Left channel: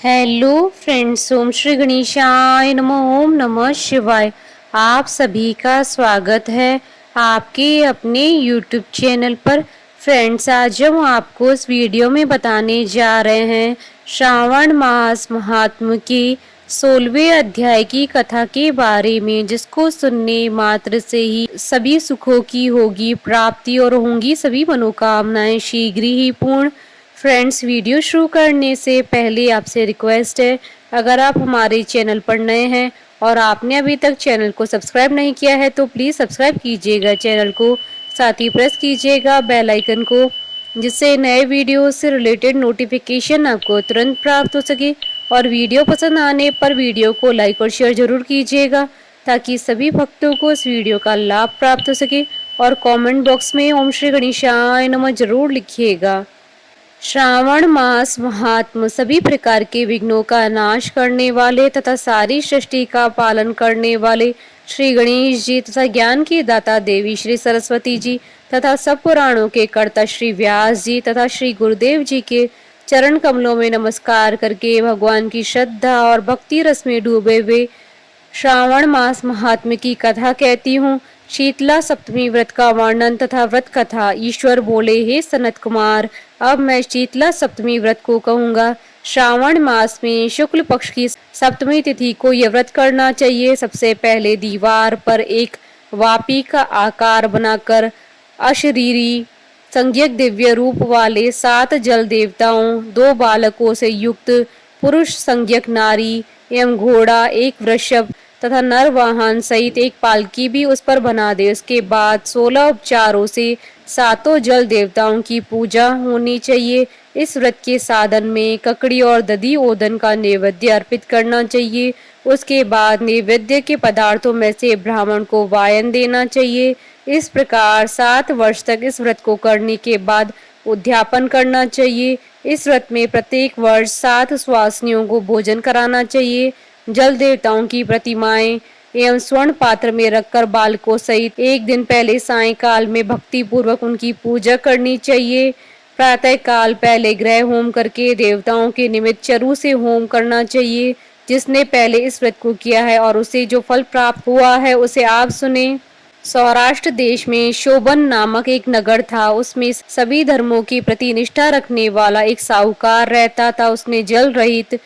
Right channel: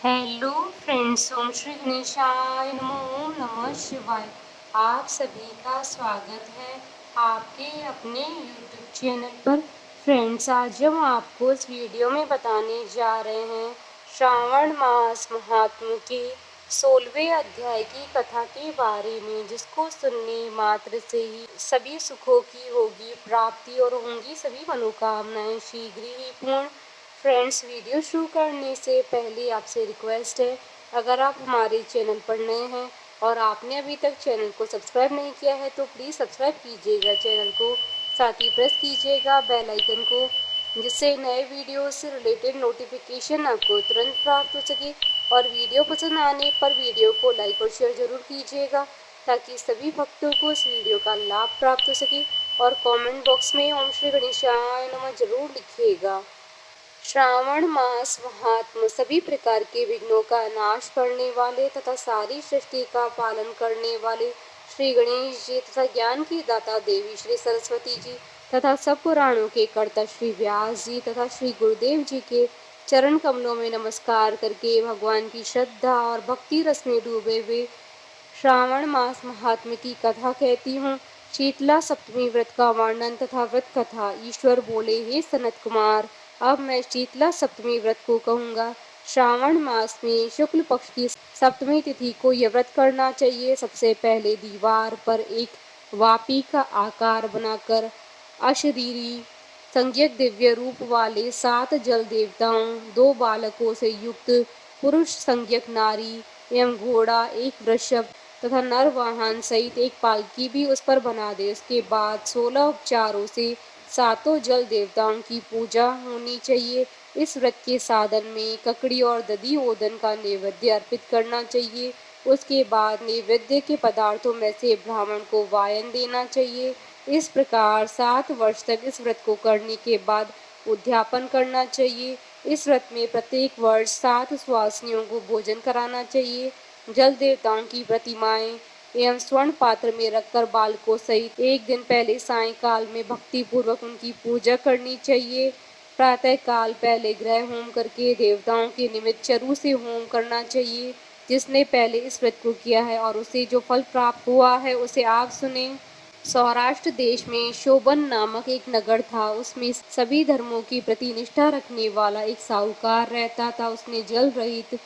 Hello friends, ओम श्री गणेशाय नमः। ओम नमः शिवाय। आप सभी का स्वागत है आपके अपने यूट्यूब चैनल पर। फ्रेंड्स, आज हम आपको इस वीडियो में बताने जा रहे हैं श्रावण मास महात्म के 16वें अध्याय की कथा के बारे में, जिसको सुनने मात्र से ही सभी सुखों की होगी प्राप्ति और होंगी सभी मनोकामनाएं शीघ्र ही पूर्ण। फ्रेंड्स, वीडियो शुरू करने से पहले आपसे रिक्वेस्ट है, अगर आप हमारे चैनल पर नए हैं और आपने अभी तक चैनल को सब्सक्राइब नहीं किया है तो प्लीज़ सब्सक्राइब कीजिएगा चैनल को, साथ ही प्रेस कीजिएगा बेल आइकन को, जिससे नए वीडियो से रिलेटेड नोटिफिकेशन आपको तुरंत प्राप्त हो सके। और वीडियो पसंद आने पर वीडियो को लाइक और शेयर जरूर कीजिएगा, ताकि सभी भक्तों को इस वीडियो का लाभ प्राप्त हो सके। और कमेंट बॉक्स में ओम श्री गणेशाय नमः जरूर लिखिएगा। श्रावण मास महात्म सभी प्रकार के विघ्नों का नाश करने वाले तथा सारी सृष्टि का पालन करने वाले श्री गणेश जी तथा ज्ञान की दाता देवी श्री सरस्वती जी तथा सब पुराणों के कर्ता श्री व्यास जी तथा श्री गुरुदेव जी के चरण कमलों में नमस्कार करके भगवान की श्रद्धा और भक्ति रस में डूबे हुए श्रावण मास महात्म्य की कथा कहती हूँ। शीतला सप्तमी व्रत का वर्णन तथा व्रत कथा। ईश्वर बोले, हे सनत कुमार, अब मैं शीतला सप्तमी व्रत को कहूँगा। श्रावण मास में शुक्ल पक्ष की सप्तमी तिथि को यह व्रत करना चाहिए। सबसे पहले दीवार पर एक वापी का आकार बनाकर अशरीरी संज्ञक दिव्य रूप वाले 7 जल देवताओं, 2 बालकों से युक्त पुरुष संज्ञक नारी एवं घोड़ा, एक वृषभ तथा नर वाहन सहित एक पालकी भी उस पर बना दे। उसके बाद 16 उपचारों से सातों जल देवताओं की पूजा होनी चाहिए। इस व्रत के साधन में ककड़ी और दधी ओदन का नैवेद्य अर्पित करना चाहिए। उसके बाद नैवेद्य के पदार्थों में से ब्राह्मण को वायन देना चाहिए। इस प्रकार 7 वर्ष तक इस व्रत को करने के बाद उद्यापन करना चाहिए। इस व्रत में प्रत्येक वर्ष 7 सुवासिनियों को भोजन कराना चाहिए। जल देवताओं की प्रतिमाएं एवं स्वर्ण पात्र में रखकर बालकों सहित एक दिन पहले सायंकाल में भक्ति पूर्वक उनकी पूजा करनी चाहिए। प्रातः काल पहले ग्रह होम करके देवताओं के निमित्त चरु से होम करना चाहिए। जिसने पहले इस व्रत को किया है और उसे जो फल प्राप्त हुआ है उसे आप सुने। सौराष्ट्र देश में शोभन नामक एक नगर था। उसमें सभी धर्मों की प्रति निष्ठा रखने वाला एक साहूकार रहता था। उसने जल रहित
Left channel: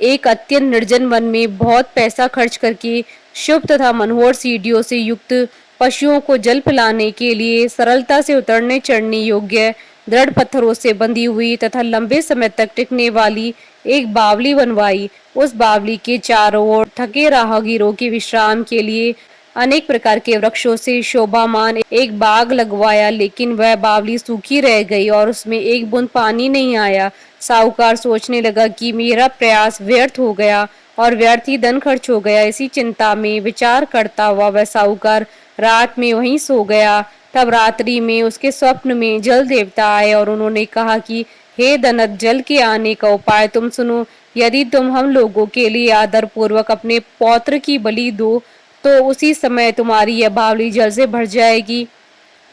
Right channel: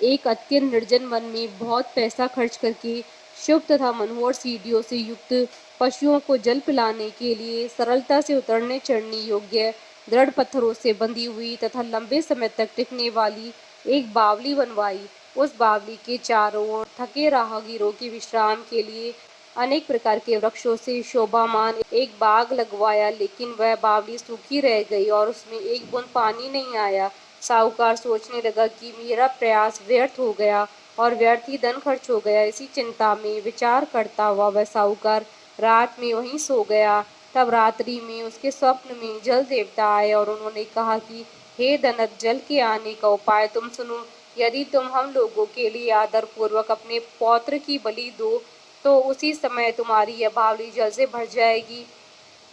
एक अत्यंत निर्जन वन में बहुत पैसा खर्च करके शुभ तथा मनोहर सीढ़ियों से युक्त पशुओं को जल पिलाने के लिए सरलता से उतरने चढ़ने योग्य दृढ़ पत्थरों से बंधी हुई तथा लंबे समय तक टिकने वाली एक बावली बनवाई। उस बावली के चारों ओर थके राहगीरों के विश्राम के लिए अनेक प्रकार के वृक्षों से शोभामान एक बाग लगवाया, लेकिन वह बावली सूखी रह गई और उसमें एक बूंद पानी नहीं आया। साहूकार सोचने लगा कि मेरा प्रयास व्यर्थ हो गया और व्यर्थ ही धन खर्च हो गया। इसी चिंता में विचार करता हुआ वह साहूकार रात में वहीं सो गया। तब रात्रि में उसके स्वप्न में जल देवता आए और उन्होंने कहा कि हे धनत, जल के आने का उपाय तुम सुनो। यदि तुम हम लोगों के लिए आदर पूर्वक अपने पौत्र की बलि दो तो उसी समय तुम्हारी यह बावली जल से भर जाएगी।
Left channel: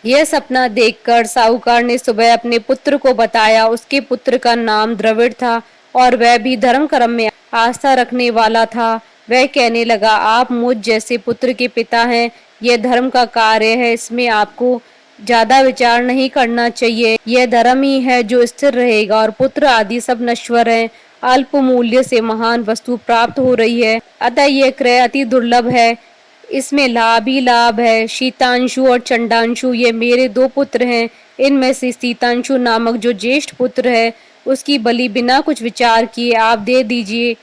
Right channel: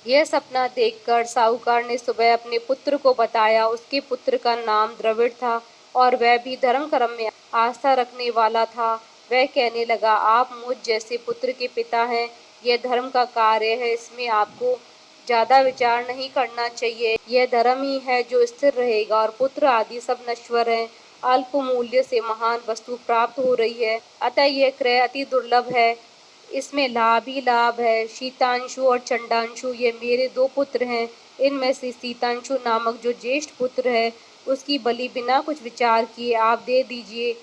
यह सपना देखकर साहूकार ने सुबह अपने पुत्र को बताया। उसके पुत्र का नाम द्रविड़ था और वह भी धर्म कर्म में आस्था रखने वाला था। वह कहने लगा, आप मुझ जैसे पुत्र के पिता हैं। यह धर्म का कार्य है, इसमें आपको ज्यादा विचार नहीं करना चाहिए। यह धर्म ही है जो स्थिर रहेगा और पुत्र आदि सब नश्वर हैं। अल्प मूल्य से महान वस्तु प्राप्त हो रही है, अतः यह क्रय अति दुर्लभ है। इसमें लाभ ही लाभ है। शीतांशु और चंडांशु ये मेरे 2 पुत्र हैं। इनमें से शीतांशु नामक जो ज्येष्ठ पुत्र है उसकी बलि बिना कुछ विचार किए आप दे दीजिए।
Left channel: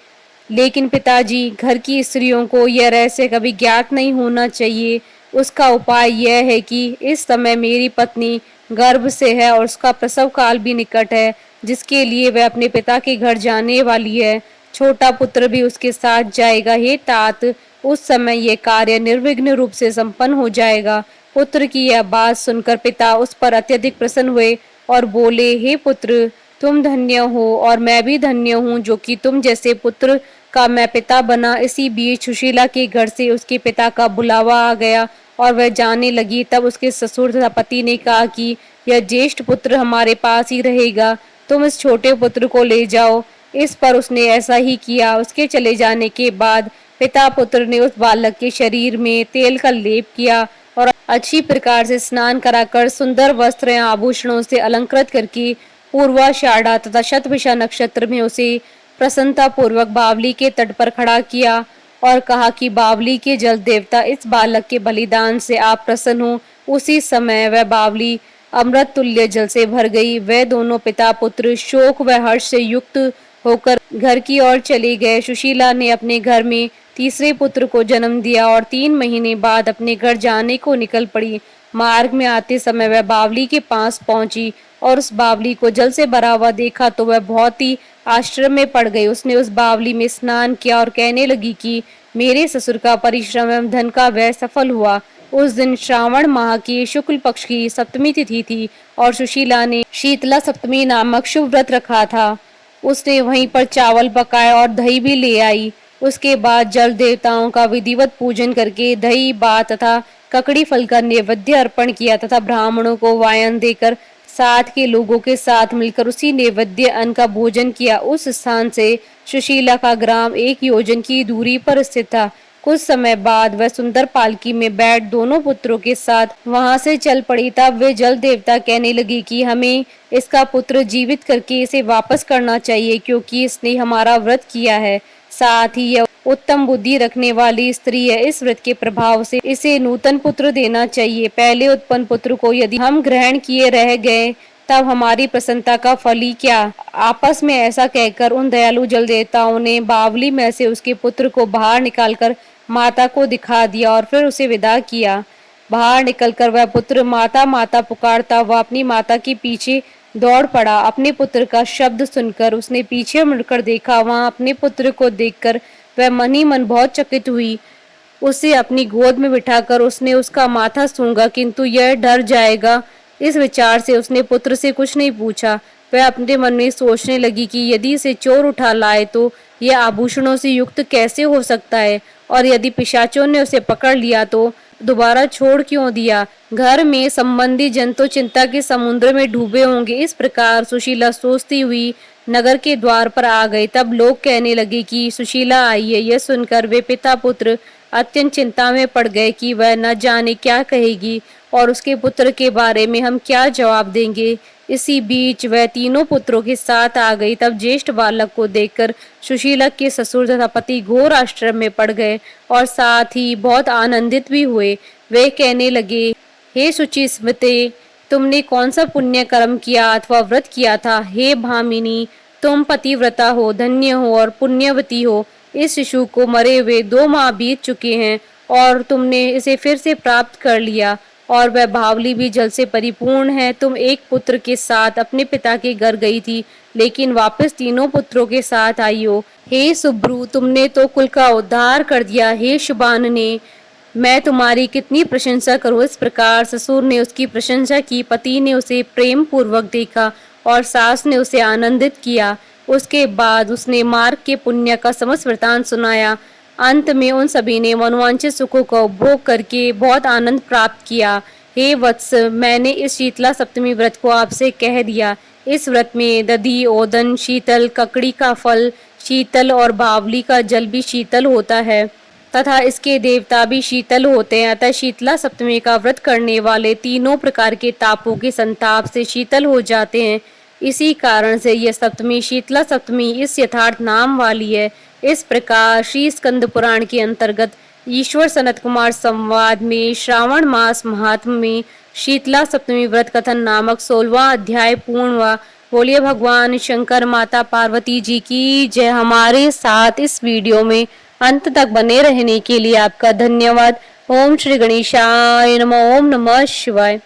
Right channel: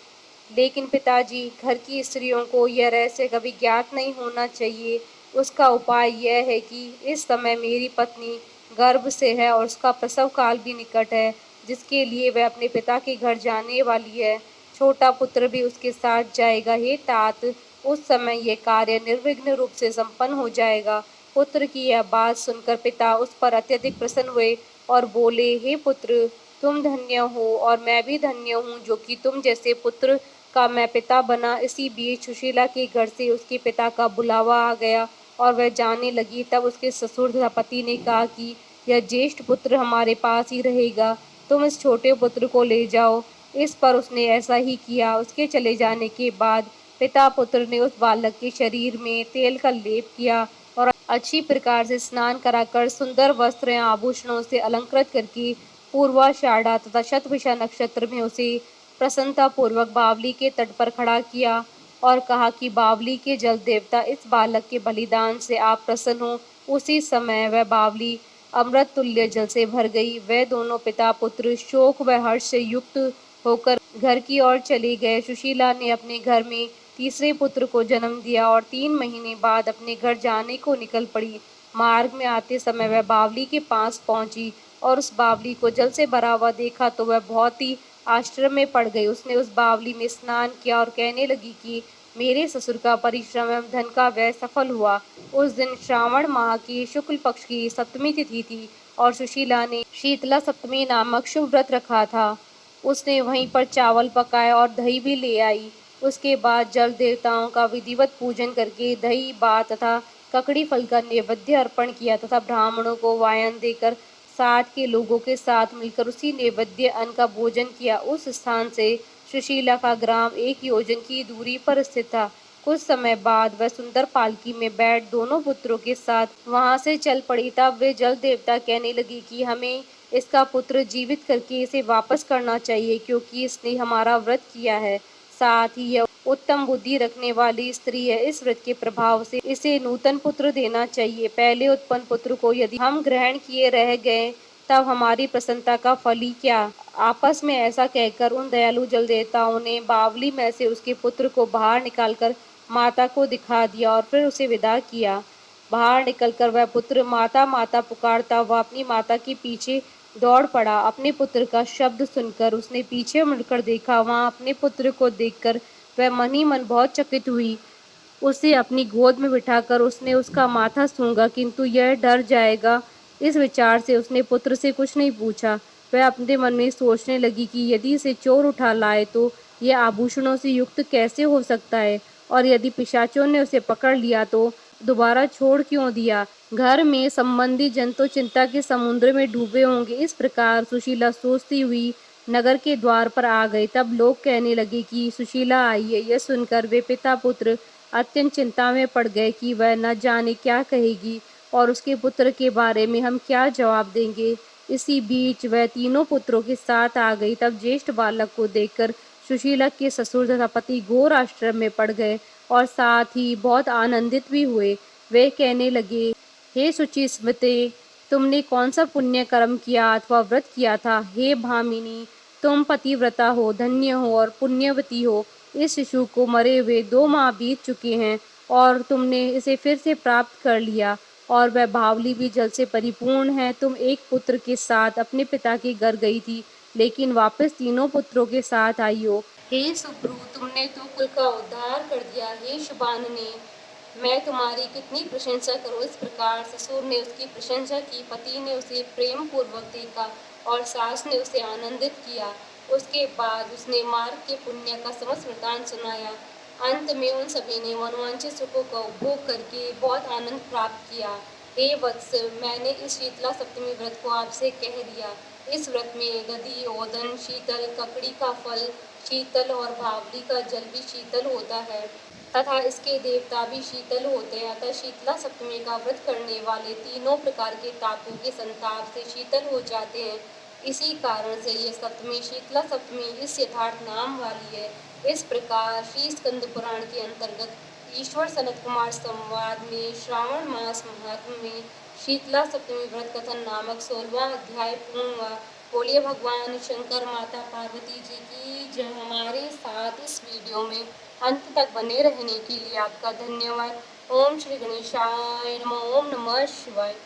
लेकिन पिताजी, घर की स्त्रियों को यह रहस्य कभी ज्ञात नहीं होना चाहिए। उसका उपाय यह है कि इस समय मेरी पत्नी गर्भ से है और उसका प्रसव काल भी निकट है, जिसके लिए वह अपने पिता के घर जाने वाली है। छोटा पुत्र भी उसके साथ जाएगा। हे तात, उस समय यह कार्य निर्विघ्न रूप से संपन्न हो जाएगा। पुत्र की यह बात सुनकर पिता उस पर अत्यधिक प्रसन्न हुए और बोले, हे पुत्र, तुम धन्य हो और मैं भी धन्य हूँ जो कि तुम जैसे पुत्र का मैं पिता बना। इसी बीच सुशीला के घर से उसके पिता का बुलावा आ गया और वह जाने लगी। तब उसके ससुर तथा पति ने कहा कि यह ज्येष्ठ पुत्र हमारे पास ही रहेगा, तुम इस छोटे पुत्र को ले जाओ। इस पर उसने ऐसा ही किया। उसके चले जाने के बाद पिता पुत्र ने उस बालक के शरीर में तेल का लेप किया और अच्छी प्रकार से स्नान कराकर सुंदर वस्त्र या आभूषणों से अलंकृत करके पूर्वाषाढ़ा तथा शतभिषा नक्षत्र में उसे प्रसन्नता पूर्वक बावली के तट पर खड़ा किया और कहा कि बावली के जल देवता, इस बालक के बलिदान से आप प्रसन्न हो। उसी समय वह बावली अमृत तुल्य जल से भर गई। वे दोनों पिता पुत्र शोक व हर्ष से युक्त होकर घर की ओर चले गए। सुशीला ने अपने घर में तीसरे पुत्र को जन्म दिया और 3 महीने बाद अपने घर जाने को निकल पड़ी। मार्ग में आते समय वह बावली के पास पहुंची और उस बावली को जल से भरा हुआ देखा तो वह बहुत ही आश्चर्य में पड़ गई। उसने उस बावली में स्नान किया और कहने लगी कि मेरे ससुर का परिश्रम एवं धन का व्यय सफल हुआ। उस दिन श्रावण माह की शुक्ल पक्ष की सप्तमी तिथि थी और सुशीला ने शीतला सप्तमी नामक शुभ व्रत रखा था। उसने वहीं पर चावल पकाए और दही भी ले आई। उसके बाद जल देवताओं का विधिवत पूजन करके दही भात तथा ककड़ी फल का नैवेद्य अर्पण किया तथा ब्राह्मणों को वायन देकर साथ के लोगों के साथ मिलकर उसी नैवेद्य अन्न का भोजन किया। उस स्थान से सुशीला का ग्राम 1 योजन की दूरी पर स्थित था। कुछ समय बाद वह सुंदर पालकी में बैठ दोनों पुत्रों के साथ वहां से चल पड़ी। तब वे जल देवता कहने लगी कि हमें इसका पुत्र जीवित करके इसे वापस करना चाहिए, क्योंकि इसने हमारा व्रत किया है। साथ ही यह उत्तम बुद्धि रखने वाली स्त्री है। इस व्रत के प्रभाव से इसे नूतन पुत्र देना चाहिए। पहले उत्पन्न पुत्र को यदि हम ग्रहण किए रह गए तब हमारी प्रसन्नता का फल ही क्या। आपस में ऐसा कहकर उन दयालु जल देवताओं ने बावली में से उसके पुत्र को बाहर निकालकर माता को दिखा दिया और फिर उसे विदा किया। बाहर निकलकर वह पुत्र माता माता पुकारता वह अपनी माता के पीछे दौड़ पड़ा। अपने पुत्र का शब्द सुनकर उसने पीछे मुड़कर देखा। वहां अपने पुत्र को देखकर वह मन ही मन बहुत चकित हुई। उसे अपनी गोद में बिठाकर उसने उसका माथा सूंघा, किंतु यह डर जाएगा, इस विचार से उसने पुत्र से कुछ नहीं पूछा। वह अपने मन में सोचने लगी कि यदि इसे चोर उठा लाए तो यह आभूषणों से युक्त कैसे हो सकता है, और यदि पिशाचों ने उसे पकड़ लिया तो दोबारा छोड़ क्यों दिया। घर में संबंधी जन तो चिंता के समुद्र में डूबे होंगे। इस प्रकार सुशीला सोचती हुई नगर के द्वार पर आ गई। तब लोग कहने लगे कि सुशीला आई है। यह सुनकर वे पिता पुत्र अत्यंत चिंता में पड़ गए कि वह न जाने क्या कहेगी और उसके पुत्र के बारे में हम क्या जवाब देंगे। इसी बीच वह तीनों पुत्रों के साथ आ गई। तब ज्येष्ठ बालक को देखकर सुशीला के ससुर तथा पति घोर आश्चर्य में पड़ गए और साथ ही बहुत आनंदित भी हुए। वे कहने लगे, हे शुचि स्मृते, तुमने कौन सा पुण्य कर्म किया अथवा व्रत किया था। हे भामिनी, तुम पतिव्रता हो, धन्य हो और पुण्यवती हो। इस शिशु को मरे हुए 2 माह बीत चुके हैं और तुमने इसे फिर से प्राप्त कर लिया, और वह बावली भी जल से परिपूर्ण है। तुम एक पुत्र के साथ अपने पिता के घर गई थी, लेकिन वापस तीनों पुत्रों के साथ आई हो। हे सुब्रू, तुमने तो कुल का उद्धार कर दिया। हे शुभानने, मैं तुम्हारी कितनी प्रशंसा करूं। इस प्रकार ससुर ने उसकी प्रशंसा की। पति ने उसे प्रेम पूर्वक देखा और सास ने उसे आनंदित किया। उसके बाद उसने मार्ग के पुण्य का समस्त वृतांत सुनाया। अंत में उन सभी ने मनोवांछित सुखों का उपभोग करके बहुत आनंद प्राप्त किया। हे वत्स, मैंने इस शीतला सप्तमी व्रत को आपसे कह दिया। इस व्रत में दधी, ओदन, शीतल, ककड़ी का फल शीतल और बावली का जल भी शीतल होता है तथा इसके देवता भी शीतल होते हैं। अतः शीतला सप्तमी का व्रत करने वाले तीनों प्रकार के तापों के संताप से शीतल हो जाते हैं। इसी कारण से यह सप्तमी शीतला सप्तमी इस यथार्थ नाम वाली है। इस प्रकार श्री स्कंद पुराण के अंतर्गत ईश्वर सनत कुमार संवाद में श्रावण मास महात्म में शीतला सप्तमी व्रत कथन नामक 16वां अध्याय पूर्ण हुआ। बोलिए भगवान शंकर माता पार्वती जी की जय। हमारे साथ इस वीडियो में अंत तक बने रहने के लिए आपका धन्यवाद। ओम श्री गणेशाय नमः। ओम नमः शिवाय।